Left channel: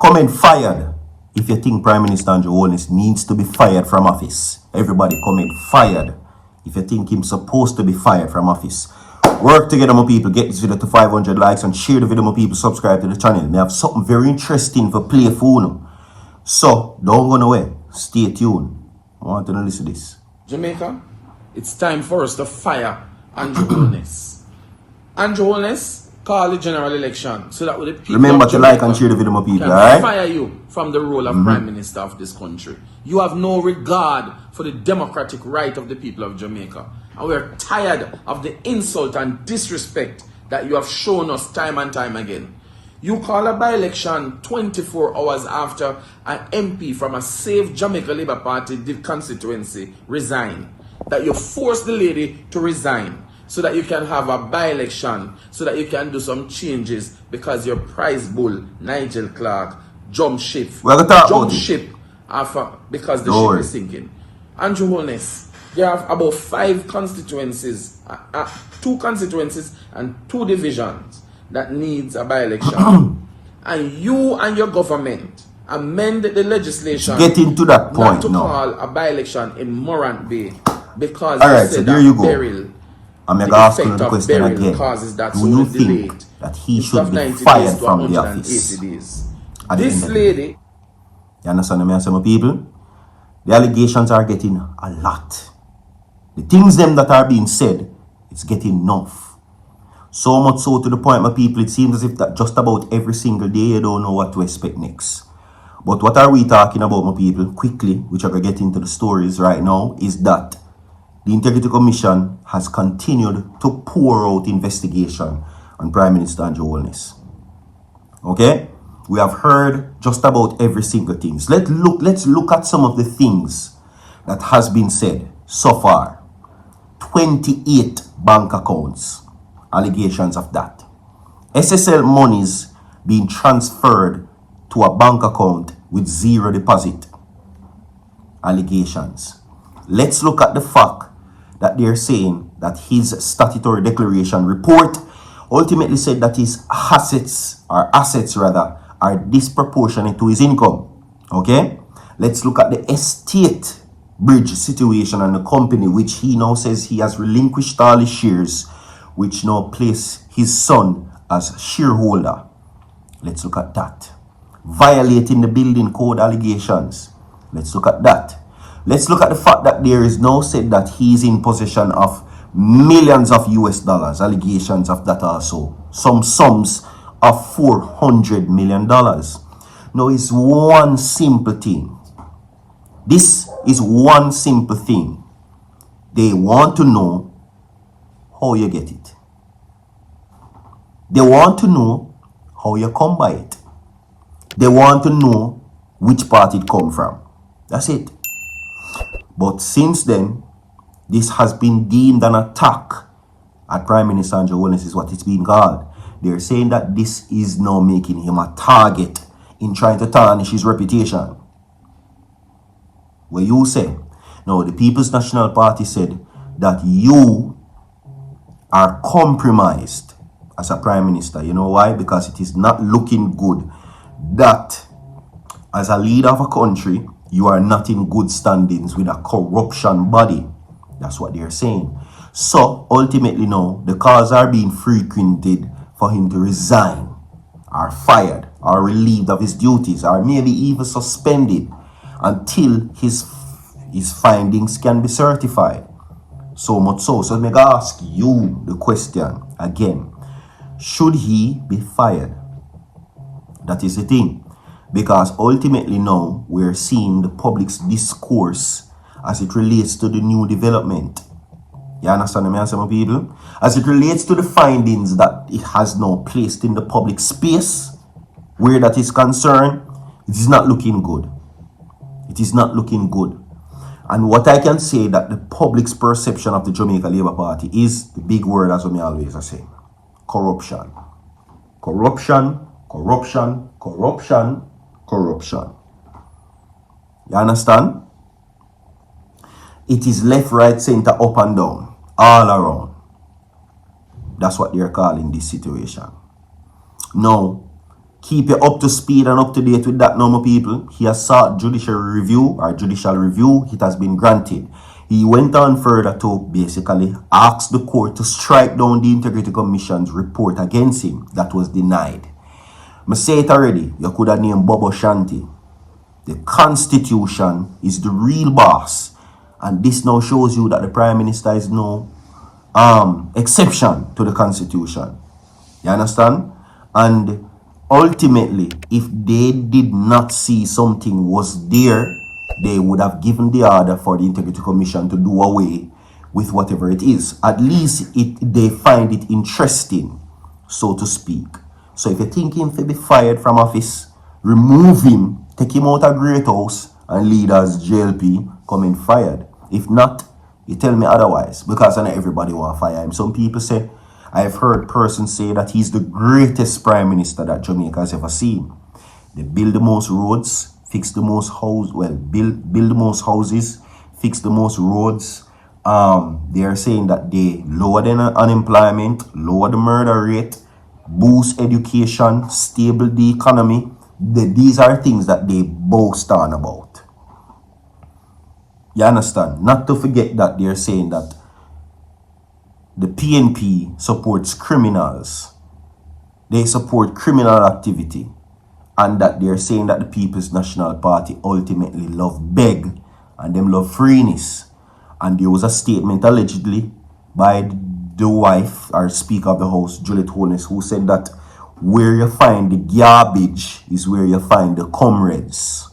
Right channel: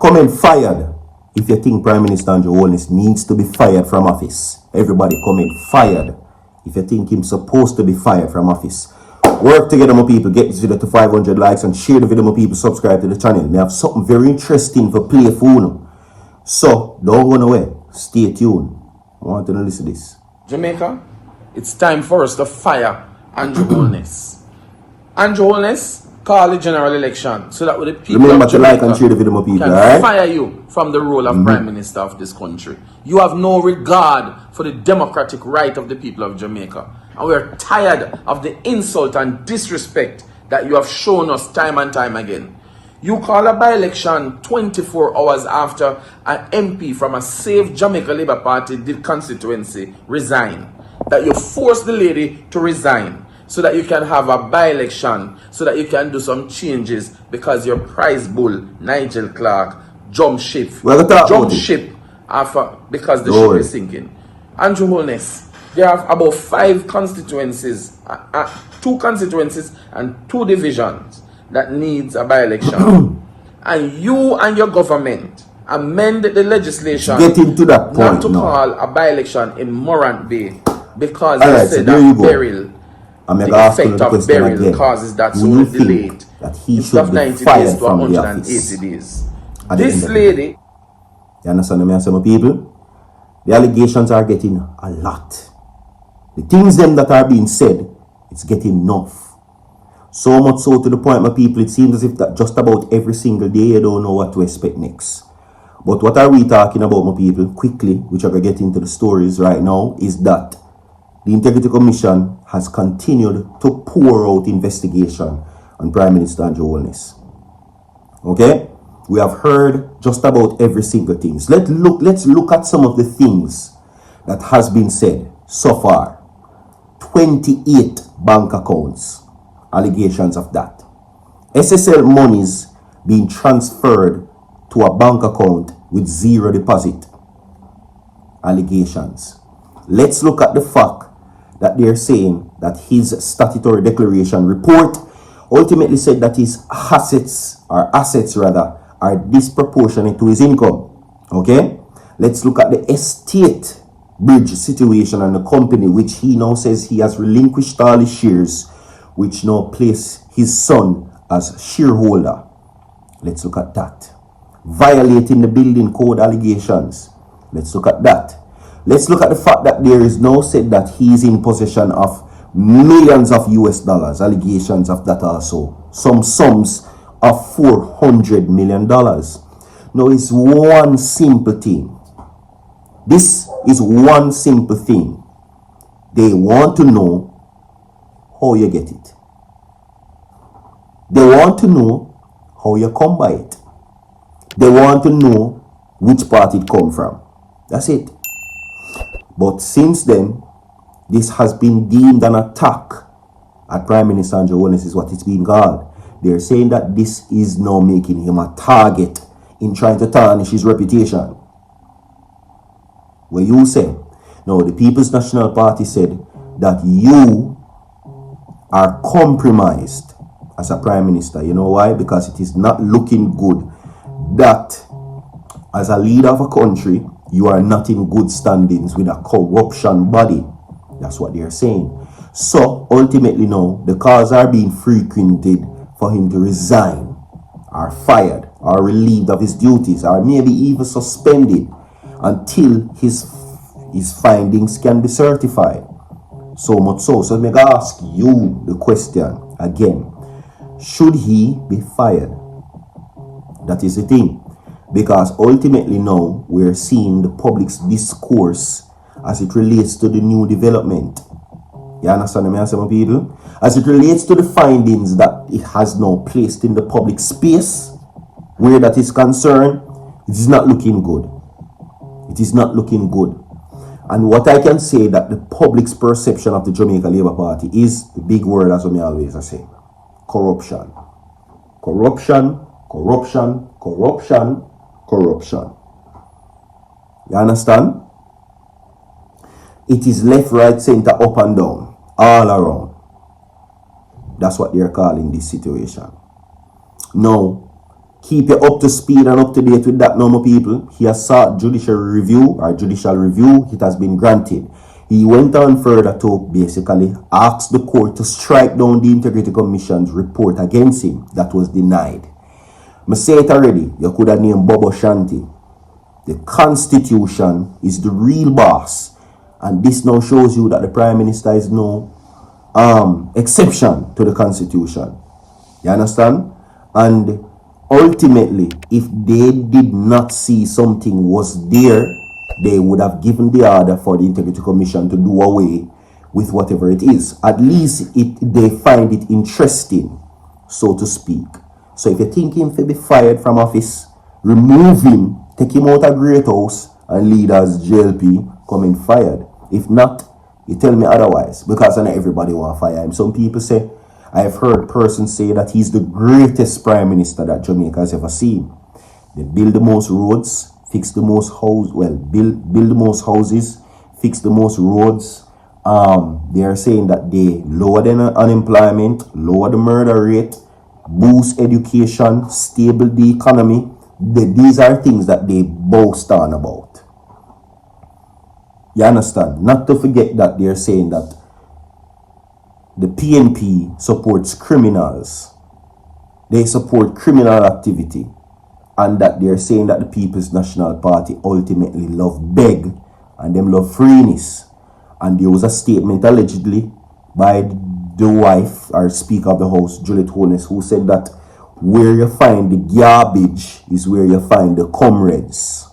Comment fired if you think Prime Minister Andrew Holness needs to be fired from office. Everybody comment fired if you think he's supposed to be fired from office. Work together, my people. Get this video to 500 likes and share the video, my people. Subscribe to the channel. We have something very interesting for play for you. So, don't run away. Stay tuned. I want to listen to this. Jamaica, it's time for us to fire Andrew Holness. Andrew Holness, call the general election so that the people remember of to Jamaica like and share the video, my people, can alright? fire you from the role of Prime Minister of this country. You have no regard for the democratic right of the people of Jamaica. And we are tired of the insult and disrespect that you have shown us time and time again. You call a by-election 24 hours after an MP from a safe Jamaica Labour Party constituency resigned. That you force the lady to resign so that you can have a by-election, so that you can do some changes because your prize bull, Nigel Clark, jumped ship. After, because the ship is sinking. Andrew Holness, they have about 5 constituencies, 2 constituencies and 2 divisions that needs a by-election. And you and your government amend the legislation getting to that point not to now. call a by-election in Morant Bay because All you right, said so that burial, the effect of burial again. causes that Do so you delayed. think that he Instead should of be 90 fired days to from the 180 office? days. At the end This of the lady, day. You understand me, some people? The allegations are getting a lot. The things them that are being said, it's getting enough. So much so to the point, my people, it seems as if that just about every single day you don't know what to expect next. But what are we talking about, my people? Quickly, which I'm going to get into the stories right now, is that the Integrity Commission has continued to pour out investigation on Prime Minister Andrew Holness. Okay? We have heard just about every single thing. So let's look at some of the things that has been said so far. 28 bank accounts. Allegations of that. SSL monies being transferred to a bank account with 0 deposit. Allegations. Let's look at the fact that they're saying that his statutory declaration report ultimately said that his assets are disproportionate to his income. Okay? Let's look at the estate bridge situation and the company which he now says he has relinquished all his shares, which now place his son as shareholder. Let's look at that. Violating the building code allegations. Let's look at that. Let's look at the fact that there is now said that he is in possession of millions of US dollars. Allegations of that also. Some sums of $400 million. Now it's one simple thing. This is one simple thing. They want to know how you get it. They want to know how you come by it. They want to know which part it come from. That's it. But since then, this has been deemed an attack at Prime Minister Andrew Holness, is what it's being called. They're saying that this is now making him a target in trying to tarnish his reputation. Where you say, no, the People's National Party said that you are compromised as a Prime Minister. You know why? Because it is not looking good that as a leader of a country, you are not in good standings with a corruption body. That's what they're saying. So ultimately now, the calls are being frequented for him to resign, or fired, or relieved of his duties, or maybe even suspended until his findings can be certified. So much so. So let me ask you the question again. Should he be fired? That is the thing. Because ultimately now, we're seeing the public's discourse as it relates to the new development. You understand me, some people? As it relates to the findings that it has now placed in the public space, where that is concerned, it is not looking good. It is not looking good. And what I can say that the public's perception of the Jamaica Labour Party is the big word, as I always say. Corruption. Corruption, corruption, corruption, corruption. You understand? It is left, right, center, up and down, all around. That's what they're calling this situation. Now, keep you up to speed and up to date with that, normal people. He has sought judicial review. It has been granted. He went on further to basically ask the court to strike down the Integrity Commission's report against him. That was denied. I say it already. You could have named Bobo Shanti. The Constitution is the real boss. And this now shows you that the Prime Minister is no exception to the Constitution. You understand? And ultimately, if they did not see something was there, they would have given the order for the Integrity Commission to do away with whatever it is. At least they find it interesting, so to speak. So if you're thinking to be fired from office, remove him, take him out of Great House, and lead as JLP, coming fired. If not, you tell me otherwise, because I know everybody want to fire him. Some people say, I have heard persons say that he's the greatest prime minister that Jamaica has ever seen. They build the most roads, fix the most houses, build the most houses, fix the most roads. They are saying that they lower the unemployment, lower the murder rate, boost education, stable the economy. These are things that they boast on about. You understand? Not to forget that they're saying that the PNP supports criminals. They support criminal activity. And that they're saying that the People's National Party ultimately love beg and them love freeness. And there was a statement allegedly by the wife or Speaker of the House, Holness, who said that where you find the garbage is where you find the comrades.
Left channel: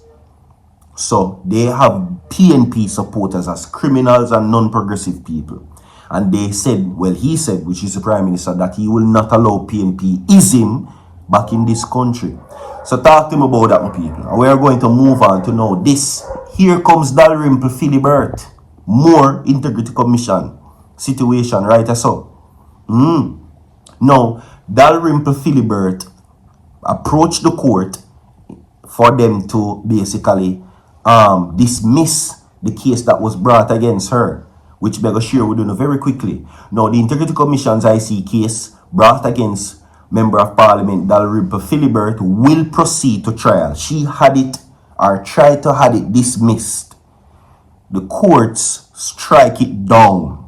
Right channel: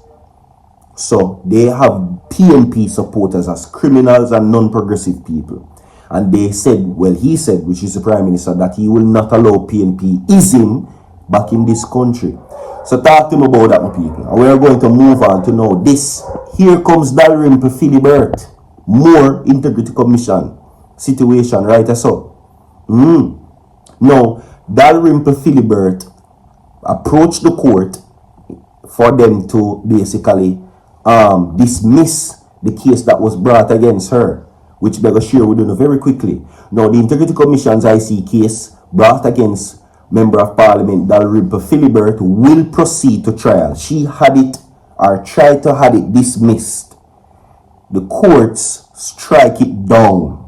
So they have PNP supporters as criminals and non-progressive people. And they said, well, he said, which is the Prime Minister, that he will not allow PNP-ism back in this country. So talk to me about that, my people. And we're going to move on to know this. Here comes Dalrymple Philbert. More Integrity Commission situation, right? So, now, Dalrymple Philbert approached the court for them to basically dismiss the case that was brought against her, which we're going to share with you very quickly. Now, the Integrity Commission's IC case brought against Member of Parliament Dalrymple Philbert will proceed to trial. She had it, or tried to have it, dismissed. The courts strike it down.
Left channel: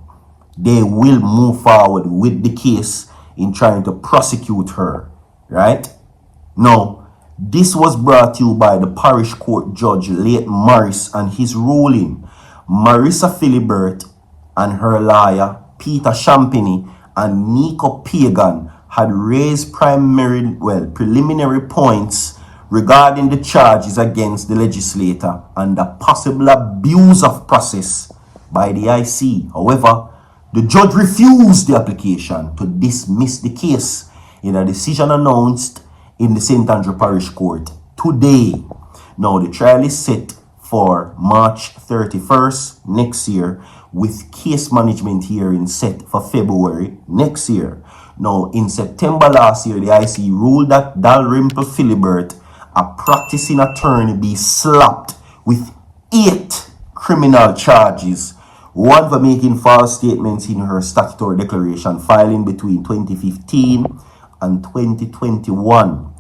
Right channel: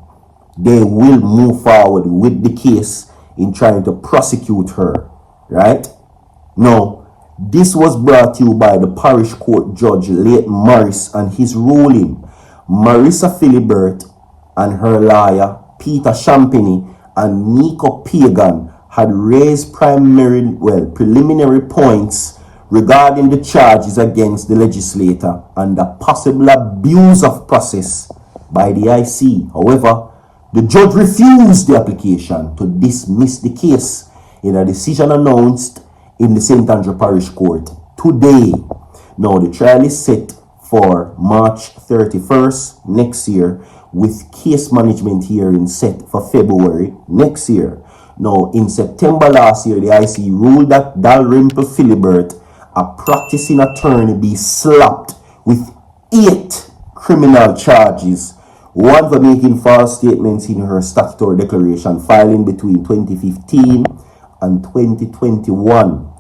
They will move forward with the case in trying to prosecute her, right? Now, this was brought to you by the parish court judge, late Morris, and his ruling. Marissa Philbert and her lawyer, Peter Champagny and Nico Pagan, had raised preliminary points regarding the charges against the legislator and the possible abuse of process by the IC. However, the judge refused the application to dismiss the case in a decision announced in the St. Andrew Parish Court today. Now, the trial is set for March 31st next year, with case management hearing set for February next year. Now, in September last year, the IC ruled that Dalrymple Philbert, a practicing attorney, be slapped with 8 criminal charges, one for making false statements in her statutory declaration filing between 2015 and 2021.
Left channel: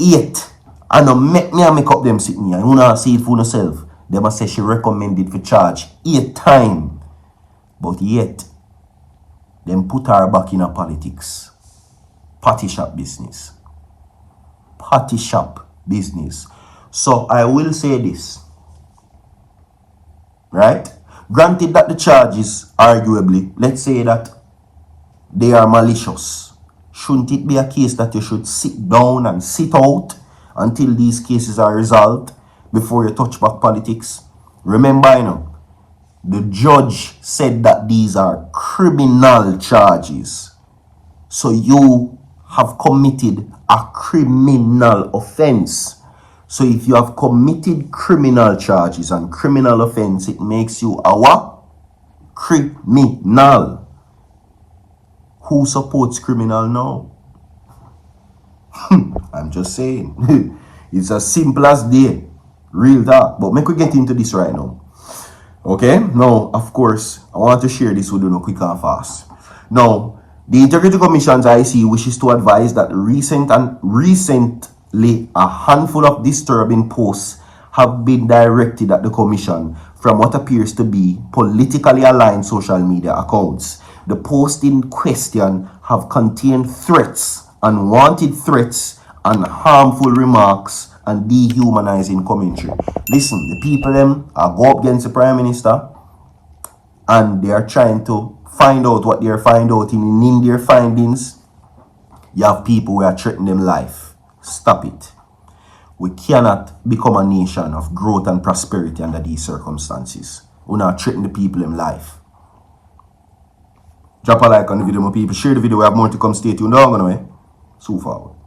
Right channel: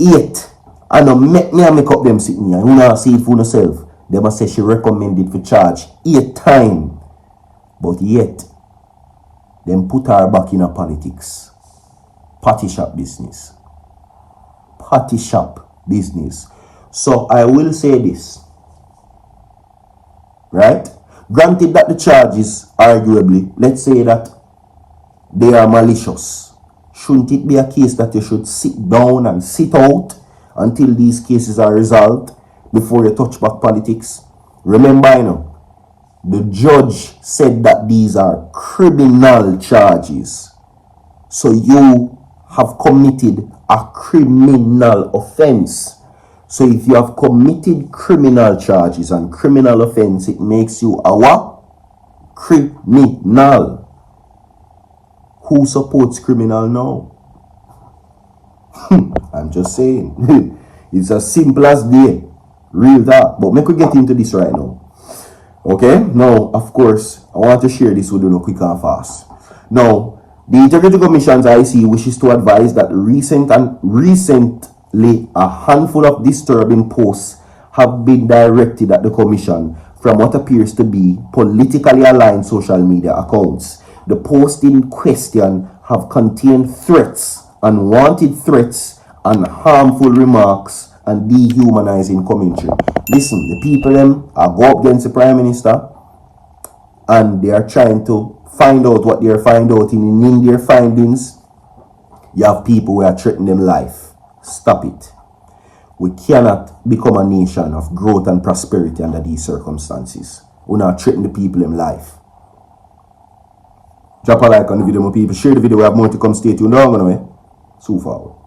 8. And now make up them sitting here. You not see it for yourself. They must say she recommended for charge 8 times. But yet, them put her back in a politics. Party shop business. Party shop business. So I will say this. Right? Granted that the charges, arguably, let's say that they are malicious. Shouldn't it be a case that you should sit down and sit out until these cases are resolved before you touch back politics? Remember, you know, the judge said that these are criminal charges. So you have committed a criminal offense. So if you have committed criminal charges and criminal offense, it makes you a what? Criminal. Who supports criminal now? I'm just saying. It's as simple as day. Real talk. But make we get into this right now. Okay? Now, of course, I want to share this with you quick and fast. Now, the Integrity Commission's IC wishes to advise that recent a handful of disturbing posts have been directed at the Commission from what appears to be politically aligned social media accounts. The posts in question have contained threats, unwanted threats, and harmful remarks and dehumanizing commentary. Listen, the people them are go up against the Prime Minister and they are trying to find out what they are finding out. In their findings, you have people who are threatening them life. Stop it. We cannot become a nation of growth and prosperity under these circumstances. We not threaten the people in life. Drop a like on the video, my people. Share the video. We have more to come. Stay tuned. Down, so forward.